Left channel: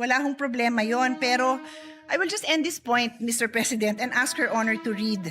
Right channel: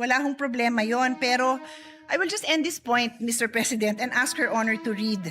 Wala hong problema yon. Pero I will just end this point, Mr. President, and ask Her Honor to read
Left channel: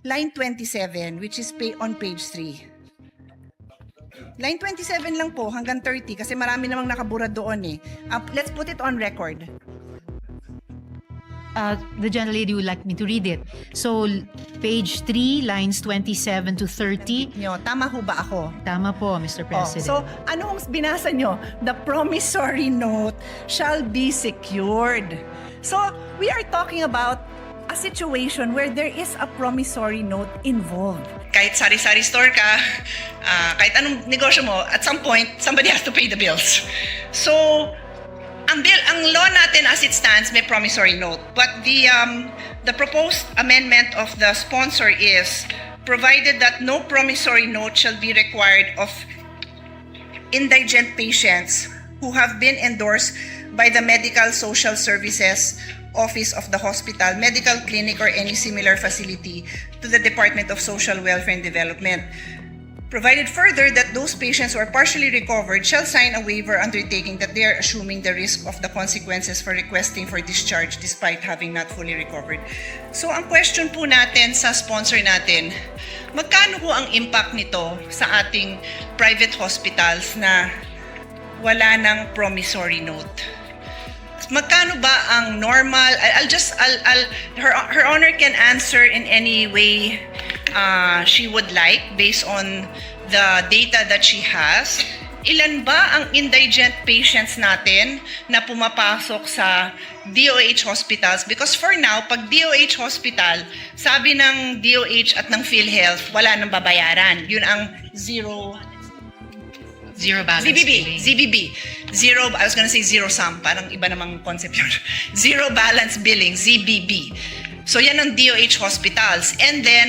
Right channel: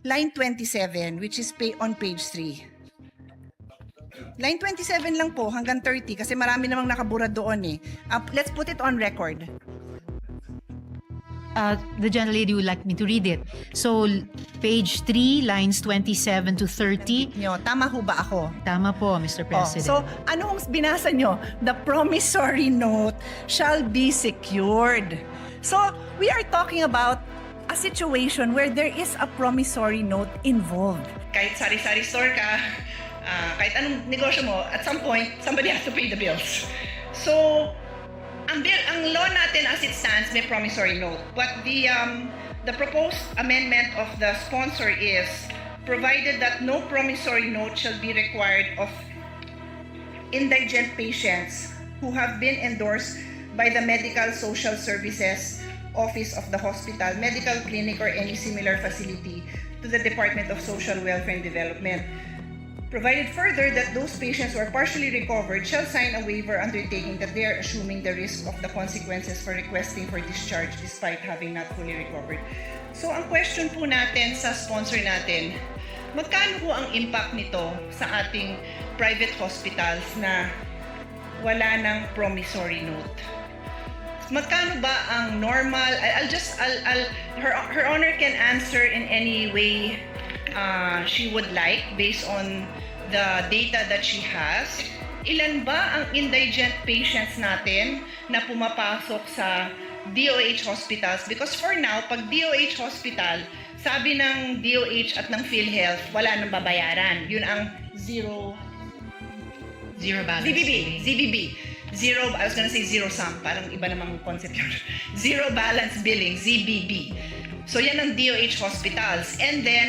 line 27, which is on page 3. Line 27 lang po hanggang 30 kasi marami namang nakabura doon eh. Let's put it on record. The gentlelady would like me to read it. So, page 3, lines 27 to 30. Nyo, tama ho ba ako? Tama po, Mr. President. So, anong binasa nyo? The promissory note shall be secured. So, we are talking about a situation where there is a promissory note involved. Kahit sari-sari store ka, kahit anong negosyo mo, at some point, somebody has to pay the bills. So, ang law natin as it stands may promissory note, but the proposed amendment of the sponsor is provided that no promissory note shall be required of indigent patients who have been endorsed by the Medical Social Services Office of the hospital, medical clinic, or any similar facility to the Department of Social Welfare and Development. Provided further that those patients who are partially recovered shall sign a waiver undertaking that they are assuming the risk of the consequences for requesting for discharge despite having not fully recovered. So ang question po natin sa sponsor natin, magkano po ang impact nito sa ating private hospitals na wala ng promissory note? Magkano ba ang normal? Her Honor can answer in any way she would like based on the data that she has. Ilan ba ang indigent patients natin na pumapasok sa DOH hospitals? Because for now, pag DOH hospital, sabi ng DOH at ng PhilHealth, wala nang babayaran. Yun ang zero balance billing. ZBB. Zero, I was gonna say zero sum, parang iba namang concept yun. Zero balance billing, ZBB. So yan ang DOH hospitals. And then,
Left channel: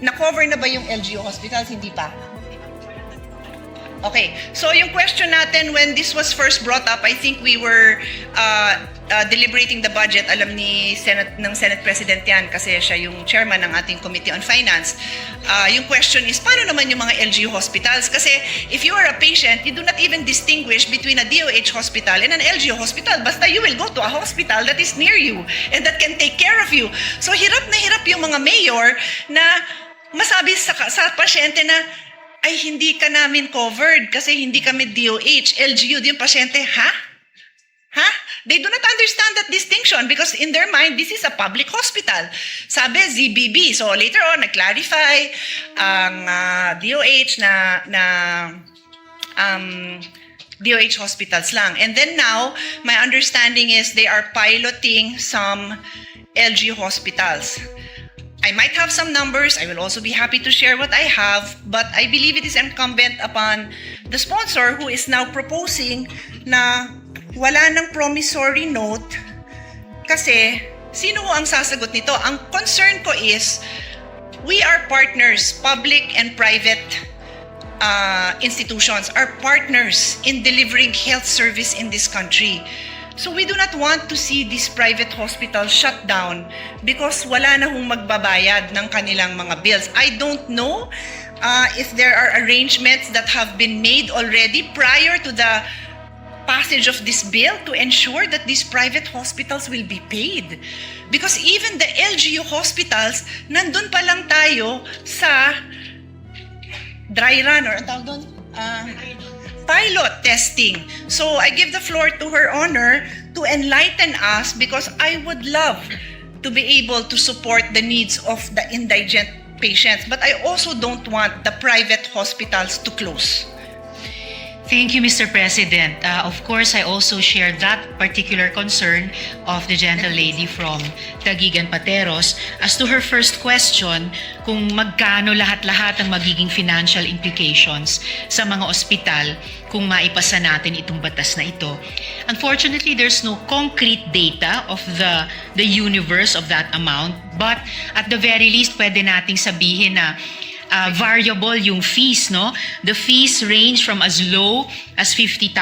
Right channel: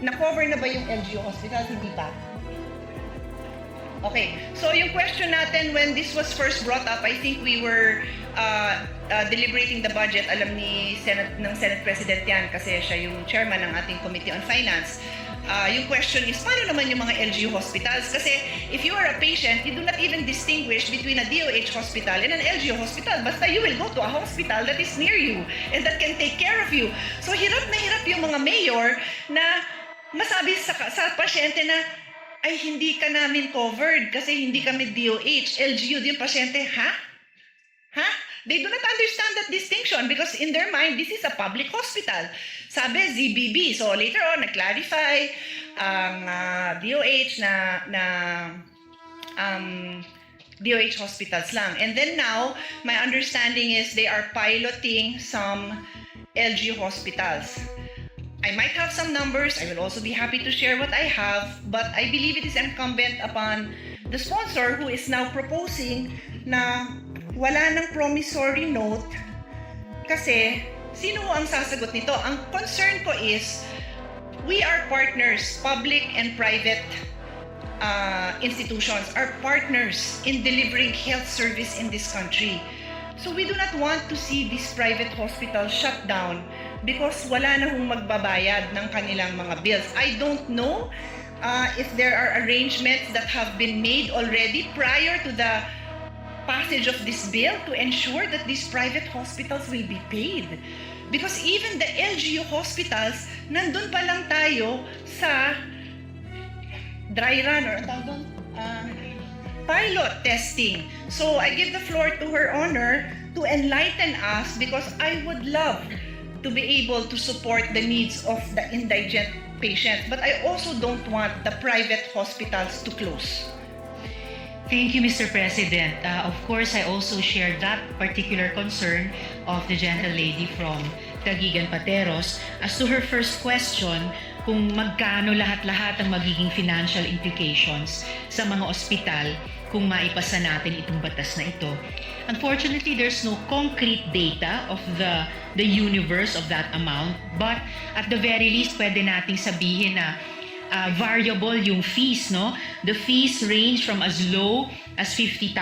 na-cover na ba yung LGU hospitals? Hindi pa. Okay, so yung question natin when this was first brought up, I think we were deliberating the budget. Alam ni Senate President yan kasi siya yung chairman ng ating Committee on Finance. Yung question is, paano naman yung mga LGU hospitals? Kasi if you are a patient, you do not even distinguish between a DOH hospital and an LGU hospital. Basta you will go to a hospital that is near you and that can take care of you. So hirap na hirap yung mga mayor na masabi sa pasyente na, ay hindi ka namin covered kasi hindi kami DOH. LGU, yung pasyente, ha? Ha? They do not understand that distinction because in their mind, this is a public hospital. Sabi, ZBB. So later on, nag-clarify ang DOH na DOH hospitals lang. And then now, my understanding is they are piloting some LGU hospitals. I might have some numbers. I will also be happy to share what I have, but I believe it is incumbent upon the sponsor who is now proposing na wala ng promissory note kasi sino ang sasagot nito? Ang concern ko is we are partners, public and private institutions are partners in delivering health service in this country. So we do not want to see these private hospitals shut down because wala na hong magbabayad ng kanilang mga bills. I don't know if there are arrangements that have been made already prior to the passage of this bill to ensure that these private hospitals will be paid. Because even the LGU hospitals, nandun pa lang tayo sa dry run or pilot testing. So I give the floor to Her Honor to enlighten us because I would love to be able to support the needs of the indigent patients, but I also don't want the private hospitals to close. Thank you, Mr. President. Of course, I also share that particular concern of the gentlelady from Taguigan Pateros. As to her first question, kung magkano lahat-lahat ang magiging financial implications sa mga ospital kung maipasa natin itong batas na ito. Unfortunately, there's no concrete data of the universe of that amount, but at the very least, pwede nating sabihin na variable yung fees, no? The fees range from as low as 50,000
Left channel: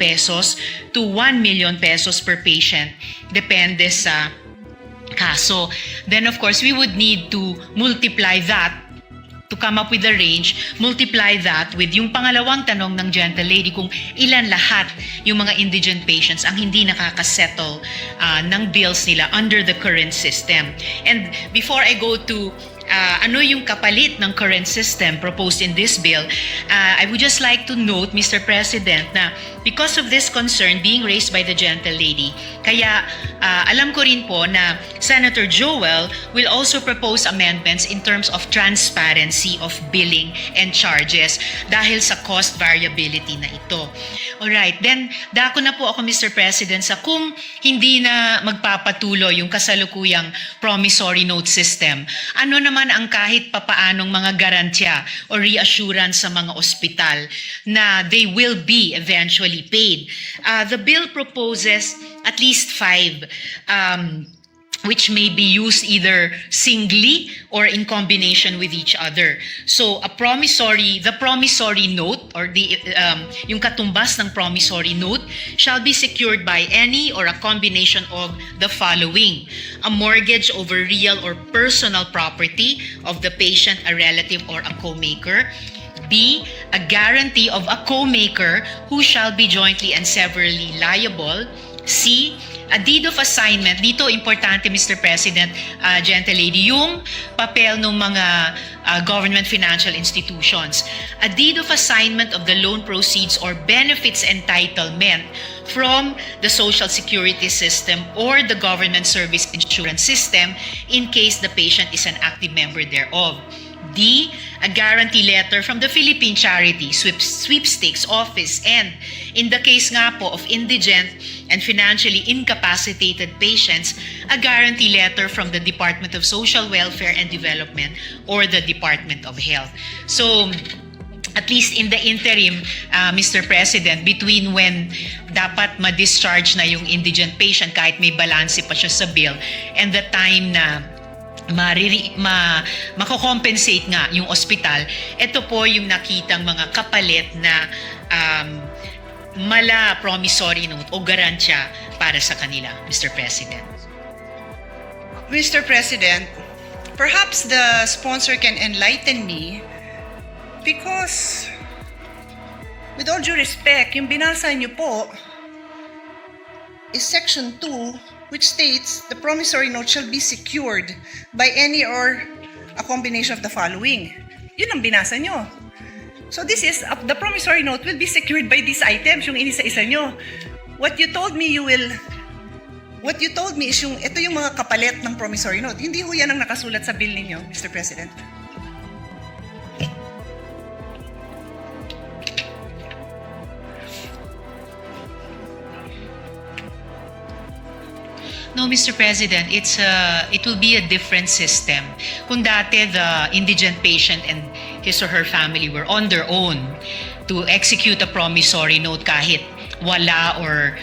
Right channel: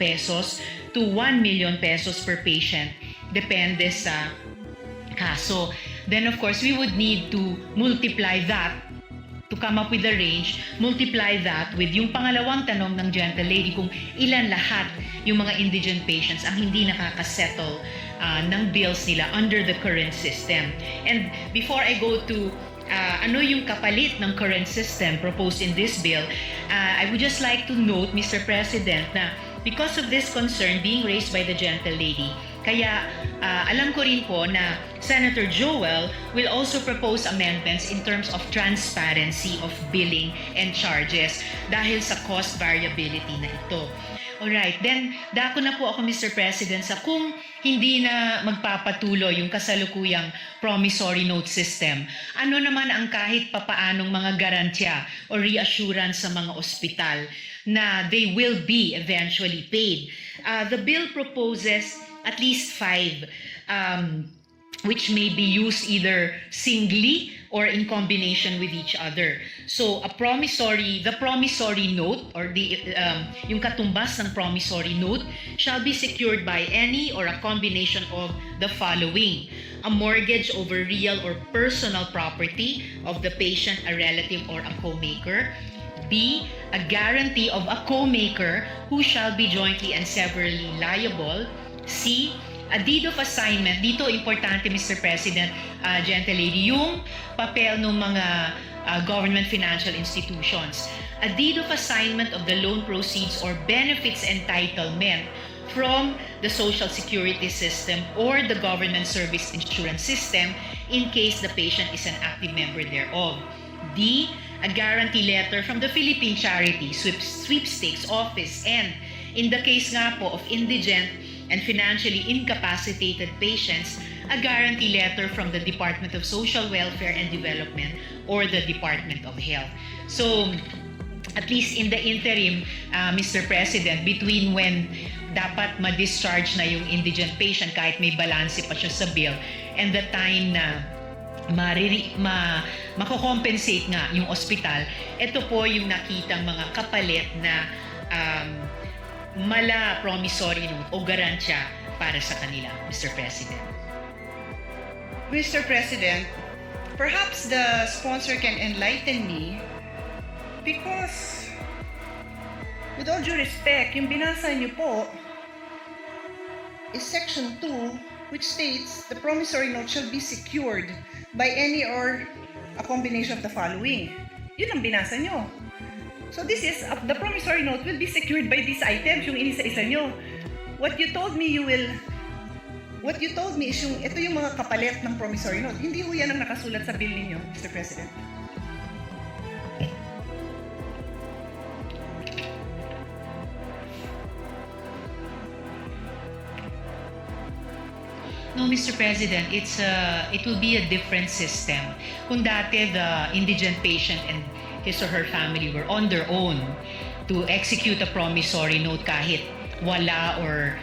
pesos to 1 million pesos per patient. Depende sa kaso. Then of course, we would need to multiply that to come up with the range, multiply that with yung pangalawang tanong ng gentle lady kung ilan lahat yung mga indigent patients ang hindi nakakasettle ng bills nila under the current system. And before I go to ano yung kapalit ng current system proposed in this bill, I would just like to note, Mr. President, na because of this concern being raised by the gentle lady, kaya alam ko rin po na Senator Joel will also propose amendments in terms of transparency of billing and charges dahil sa cost variability na ito. Alright, then dako na po ako, Mr. President, sa kung hindi na magpapatuloy yung kasalukuyang promissory note system, ano naman ang kahit papaanong mga garantya o reassurance sa mga ospital na they will be eventually paid. The bill proposes at least 5 which may be used either singly or in combination with each other. So the promissory note or yung katumbas ng promissory note shall be secured by any or a combination of the following: a mortgage over real or personal property of the patient, a relative, or a co-maker. B, a guarantee of a co-maker who shall be jointly and severally liable. C, a deed of assignment. Dito importante, Mr. President, gentle lady, yung papel ng mga government financial institutions. A deed of assignment of the loan proceeds or benefits entitlement from the Social Security system or the government service insurance system in case the patient is an active member thereof. D, a guarantee letter from the Philippine Charity Sweepstakes Office, and in the case nga po of indigent and financially incapacitated patients, a guarantee letter from the Department of Social Welfare and Development or the Department of Health. So, at least in the interim, Mr. President, between when dapat ma-discharge na yung indigent patient kahit may balanse pa siya sa bill and the time na mako-compensate nga yung ospital, ito po yung nakitang mga kapalit na mala promissory note o garansya para sa kanila, Mr. President. Mr. President, perhaps the sponsor can enlighten me because, with all due respect, yung binasa niyo po is Section 2, which states the promissory note shall be secured by any or a combination of the following. Yun ang binasa nyo. So this is, the promissory note will be secured by these items, yung inisa-isa nyo. What you told me is ito yung mga kapalit ng promissory note. Hindi ho yan ang nakasulat sa bill ninyo, Mr. President. No, Mr. President, it will be a different system. Kung dati the indigent patient and his or her family were on their own to execute a promissory note kahit wala or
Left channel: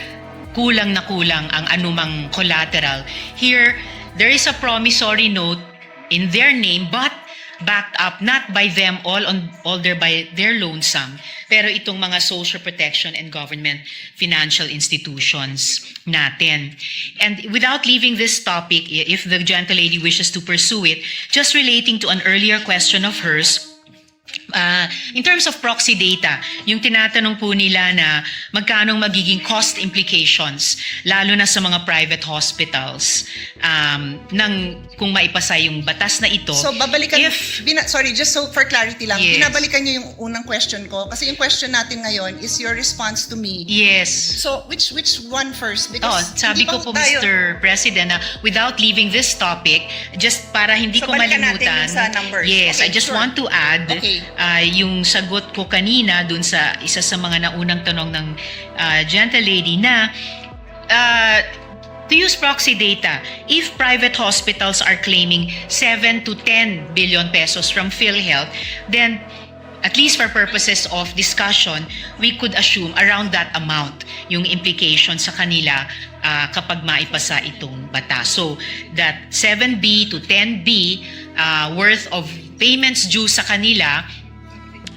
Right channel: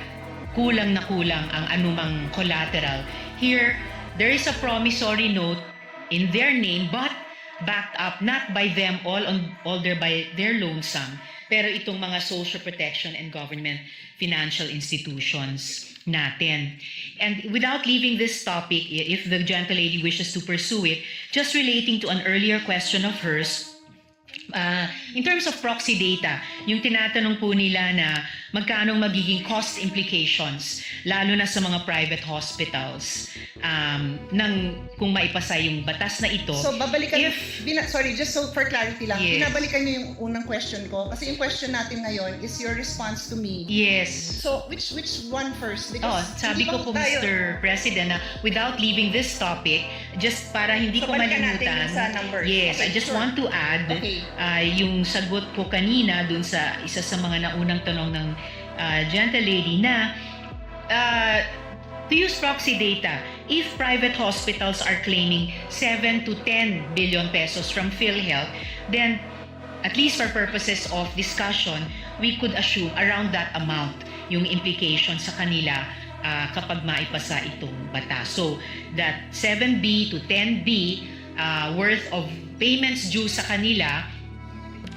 kulang na kulang ang anumang collateral. Here, there is a promissory note in their name but backed up not by them by their loan sum, pero itong mga social protection and government financial institutions natin. And without leaving this topic, if the gentle lady wishes to pursue it, just relating to an earlier question of hers, in terms of proxy data, yung tinatanong po nila na magkano magiging cost implications, lalo na sa mga private hospitals, kung maipasa yung batas na ito. So babalikan, sorry, just so for clarity lang, Yes. binabalikan niyo yung unang question ko kasi yung question natin ngayon is your response to me. Yes. So which one first? Because Sabi ko po, Mr. President, na without leaving this topic, just para hindi So, ko balikan natin malimutan. yung sa numbers. Yes, Okay, I just sure. want to add Okay. yung sagot ko kanina dun sa isa sa mga naunang tanong ng gentle lady na to use proxy data, if private hospitals are claiming 7 to 10 billion pesos from PhilHealth, then at least for purposes of discussion, we could assume around that amount yung implication sa kanila kapag maipasa itong batas. So that 7B to 10B worth of payments due sa kanila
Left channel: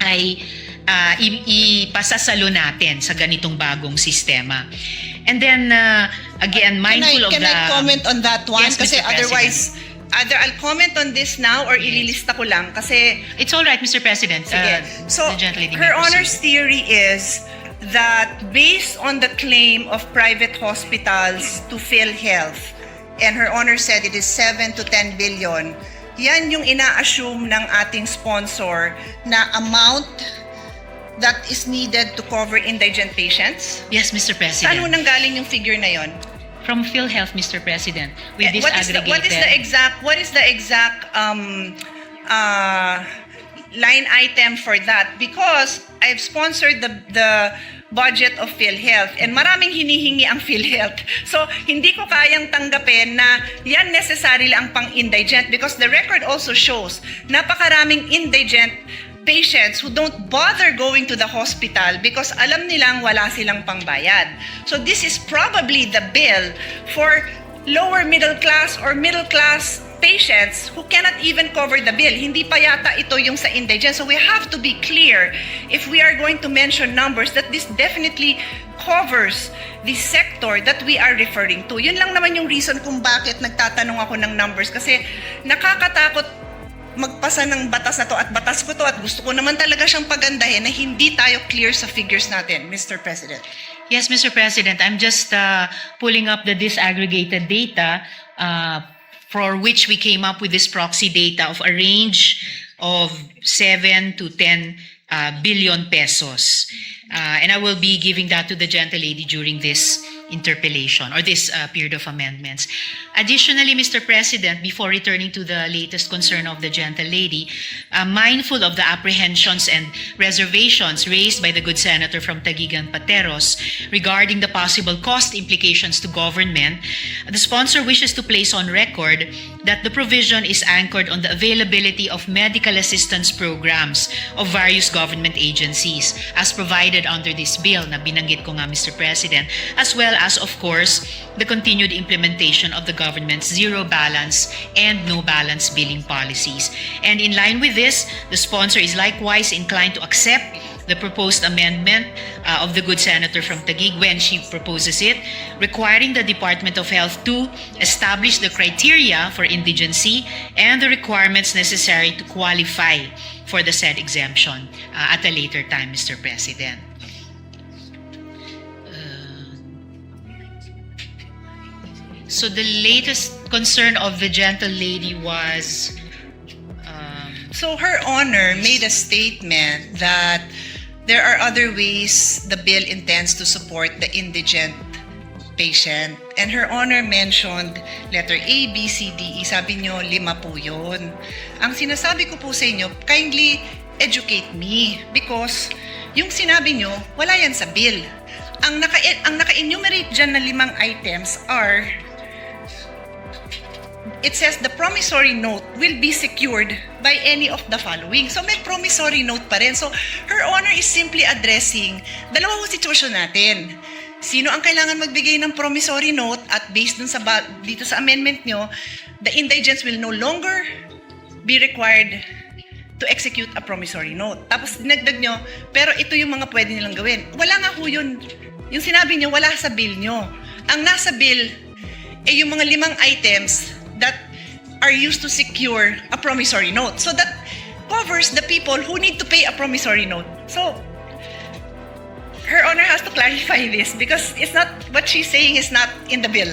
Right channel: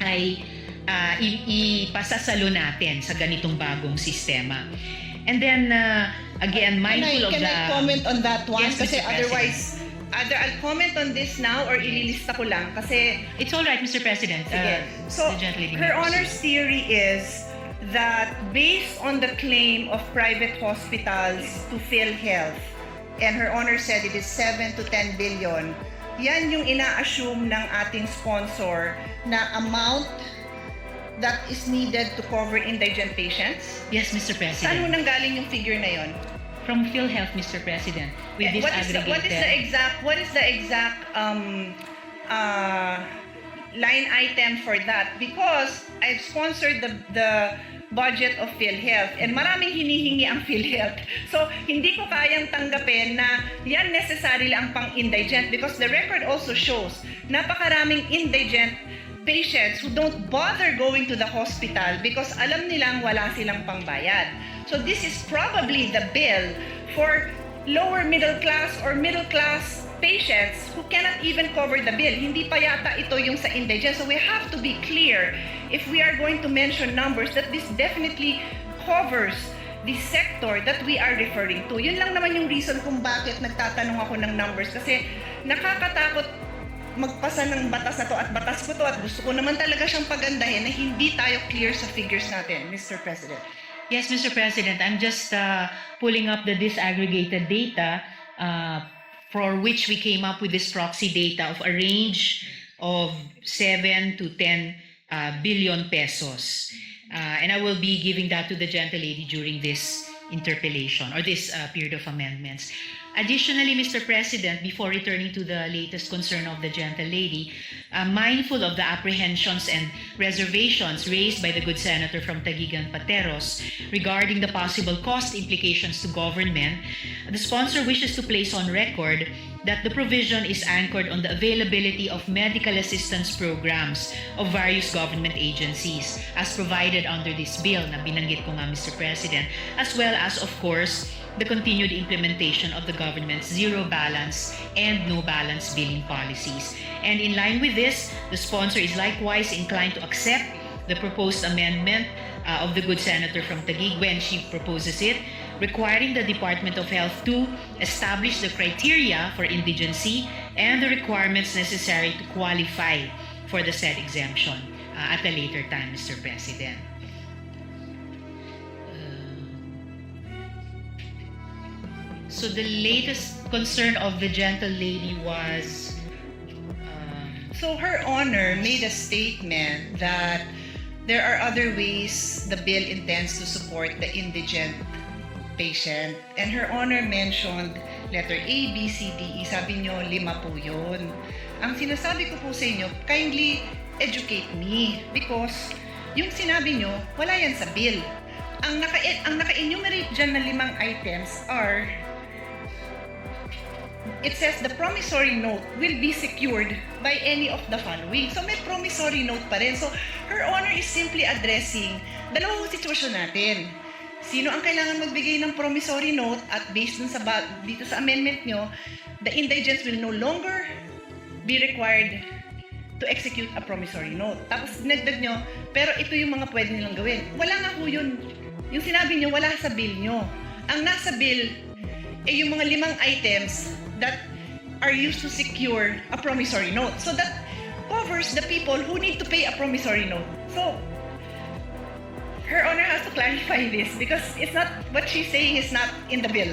ay ipasasalo natin sa ganitong bagong sistema. And then, again, mindful Can I comment on that one? Yes, Kasi Mr. otherwise, either I'll comment on this now or ililista ko lang kasi It's all right, Mr. President. sige. So, the gentlelady may Her proceed. Honor's theory is that based on the claim of private hospitals to PhilHealth, and Her Honor said it is 7 to 10 billion, yan yung ina-assume ng ating sponsor na amount that is needed to cover indigent patients. Yes, Mr. Saan President. mo nanggaling yung figure na yon? From PhilHealth, Mr. President, with this What aggregated. is the exact line item for that? Because I've sponsored the budget of PhilHealth and maraming hinihingi ang PhilHealth. So, hindi ko kayang tanggapin na yan necessarily ang pang-indigent because the record also shows napakaraming indigent patients who don't bother going to the hospital because alam nilang wala silang pangbayad. So this is probably the bill for lower middle class or middle class patients who cannot even cover the bill. Hindi pa yata ito yung sa indigent. So we have to be clear if we are going to mention numbers that this definitely covers the sector that we are referring to. Yun lang naman yung reason kung bakit nagtatanong ako ng numbers kasi nakakatakot magpasa ng batas na to at batas ko to at gusto ko naman talaga siyang pagandahin na hindi tayo clear sa figures natin, Mr. President. Yes, Mr. President, I'm just pulling up the disaggregated data for which we came up with this proxy data of a range of 7 to 10 billion pesos. And I will be giving that to the gentlelady during this interpellation or this period of amendments. Additionally, Mr. President, before returning to the latest concern of the gentlelady, mindful of the apprehensions and reservations raised by the good senator from Taguigan Pateros regarding the possible cost implications to government, the sponsor wishes to place on record that the provision is anchored on the availability of medical assistance programs of various government agencies as provided under this bill na binanggit ko nga, Mr. President, as well as, of course, the continued implementation of the government's zero balance and no balance billing policies. And in line with this, the sponsor is likewise inclined to accept the proposed amendment of the good senator from Taguig when she proposes it, requiring the Department of Health to establish the criteria for indigency and the requirements necessary to qualify for the said exemption at a later time, Mr. President. So the latest concern of the gentlelady was So Her Honor made a statement that there are other ways the bill intends to support the indigent patient. And Her Honor mentioned letter A, B, C, D, E. Sabi nyo, 5 po yun. Ang sinasabi ko po sa inyo, kindly educate me because yung sinabi nyo, wala yan sa bill. Ang naka-enumerate dyan na 5 items are it says the promissory note will be secured by any of the following. So may promissory note pa rin. So Her Honor is simply addressing dalawang sitwasyon natin. Sino ang kailangan magbigay ng promissory note at based dun sa dito sa amendment nyo, the indigents will no longer be required to execute a promissory note. Tapos dinagdag nyo, pero ito yung mga pwede nilang gawin. Wala nga ho yun. Yung sinabi nyo, wala sa bill nyo. Ang nasa bill ay yung mga 5 items that are used to secure a promissory note. So that covers the people who need to pay a promissory note. So Her Honor has to clarify this because it's not what she's saying is not in the bill.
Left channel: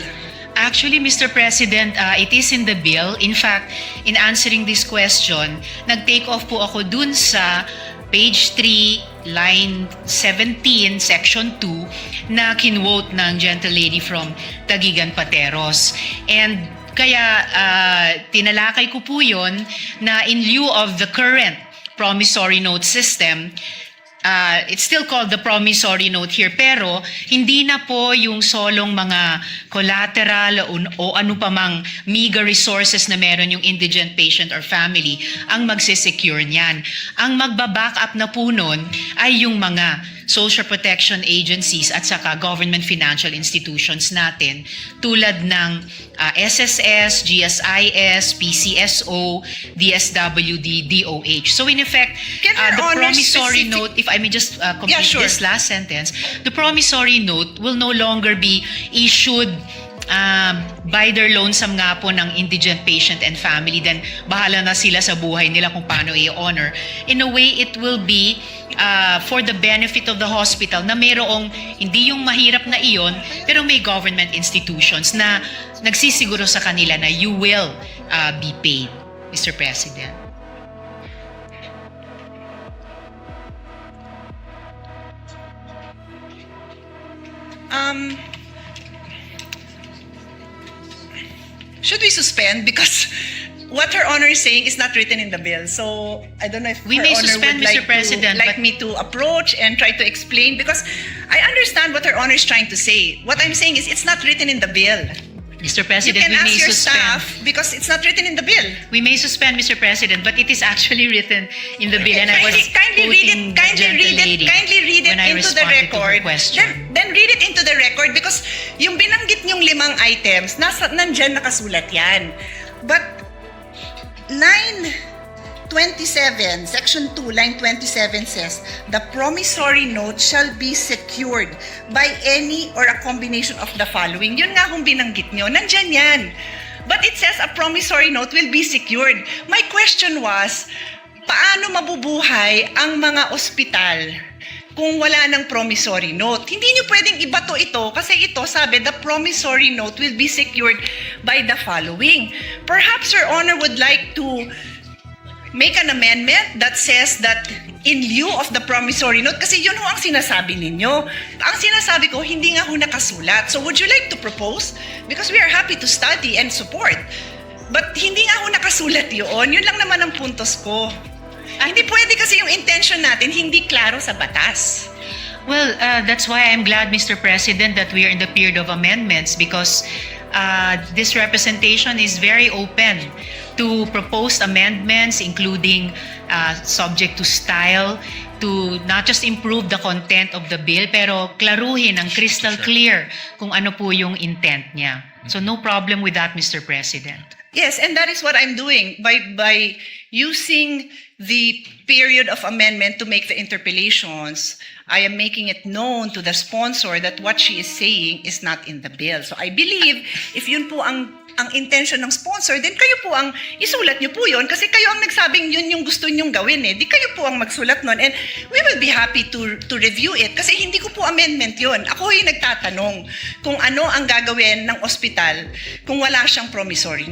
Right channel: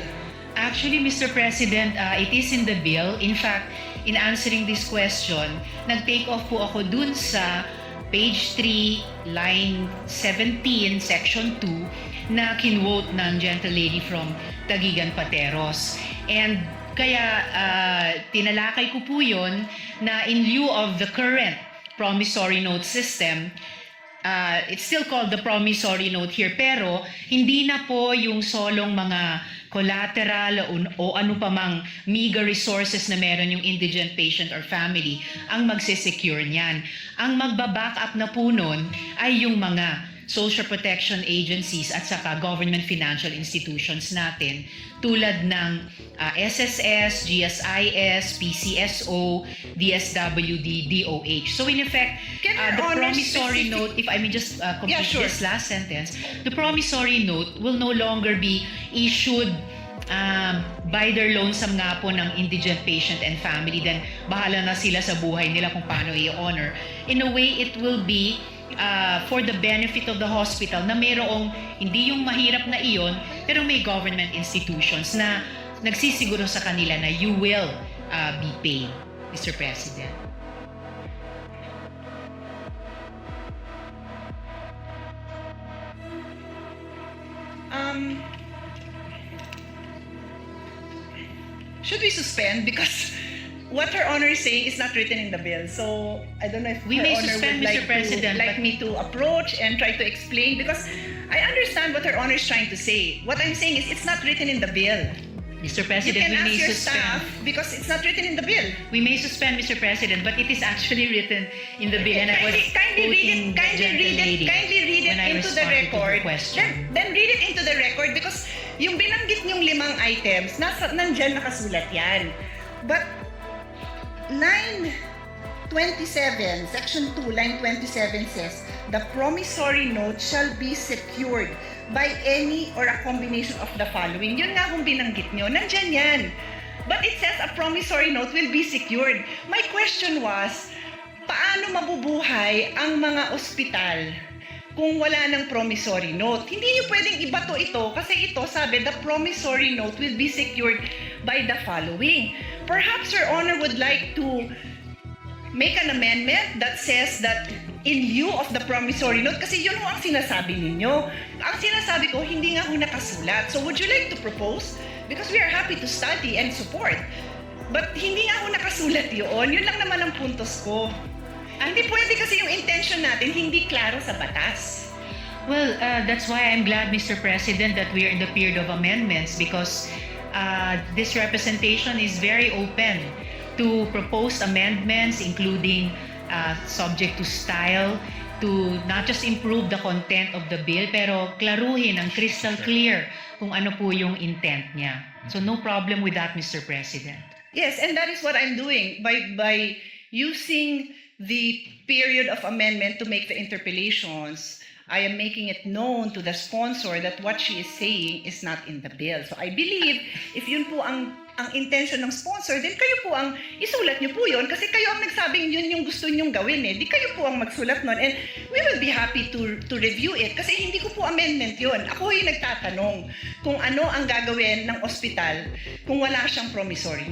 actually, Mr. President, it is in the bill. In fact, in answering this question, nag-take off po ako dun sa page 3, line 17, section 2, na kinwote ng gentlelady from Taguigan Pateros. And kaya tinalakay ko po yun na in lieu of the current promissory note system, it's still called the promissory note here, pero hindi na po yung solong mga collateral o ano pa mang meager resources na meron yung indigent patient or family ang magsisecure niyan. Ang magbaback up na po nun ay yung mga social protection agencies at saka government financial institutions natin tulad ng SSS, GSIS, PCSO, DSWD, DOH. So in effect, Can Your the Honor promissory specific- note, if I may just complete Yeah, sure. this last sentence, the promissory note will no longer be issued buy their lonesome nga po ng indigent patient and family, then bahala na sila sa buhay nila kung paano i-honor. In a way, it will be for the benefit of the hospital na mayroong hindi yung mahirap na iyon, pero may government institutions na nagsisiguro sa kanila na you will be paid, Mr. President. Should we suspend? Because what Her Honor is saying is not written in the bill. So I don't know if We Her may Honor suspend, would Mr. President, like but- me to approach and try to explain, because I understand what Her Honor is trying to say. What I'm saying is it's not written in the bill. Mr. You President, can we ask may your suspend. staff because it's not written in the bill. We may suspend, Mr. President, but it is actually written in the bill, and I was Kindly read quoting it. the Kindly gentle read it. lady Kindly read it when I into the responded to her record. question. Then read it into the record, because yung binanggit niyong 5 items, nandyan nakasulat yan. But line 27, section 2, line 27 says, the promissory note shall be secured by any or a combination of the following. Yun nga kung binanggit nyo, nandyan yan. But it says a promissory note will be secured. My question was, paano mabubuhay ang mga ospital kung wala ng promissory note? Hindi nyo pwedeng ibato ito kasi ito sabi the promissory note will be secured by the following. Perhaps Your Honor would like to make an amendment that says that in lieu of the promissory note, kasi yun ho ang sinasabi ninyo. Ang sinasabi ko, hindi nga ho nakasulat. So would you like to propose? Because we are happy to study and support. But hindi nga ho nakasulat yun. Yun lang naman ang puntos ko. Hindi pwede kasi yung intention natin hindi klaro sa batas. Well, that's why I'm glad, Mr. President, that we are in the period of amendments, because this representation is very open to proposed amendments, including subject to style, to not just improve the content of the bill, pero klaruhin ang crystal clear kung ano po yung intent niya. So no problem with that, Mr. President. Yes, and that is what I'm doing by using the period of amendment to make the interpellations. I am making it known to the sponsor that what she is saying is not in the bill. So I believe if yun po ang intention ng sponsor, then kayo po ang isulat nyo po yun kasi kayo ang nagsabing yun yung gusto nyong gawin eh. Di kayo po ang magsulat nun, and we will be happy to review it kasi hindi ko po amendment yun. Ako yung nagtatanong kung ano ang gagawin ng ospital kung wala siyang promissory note.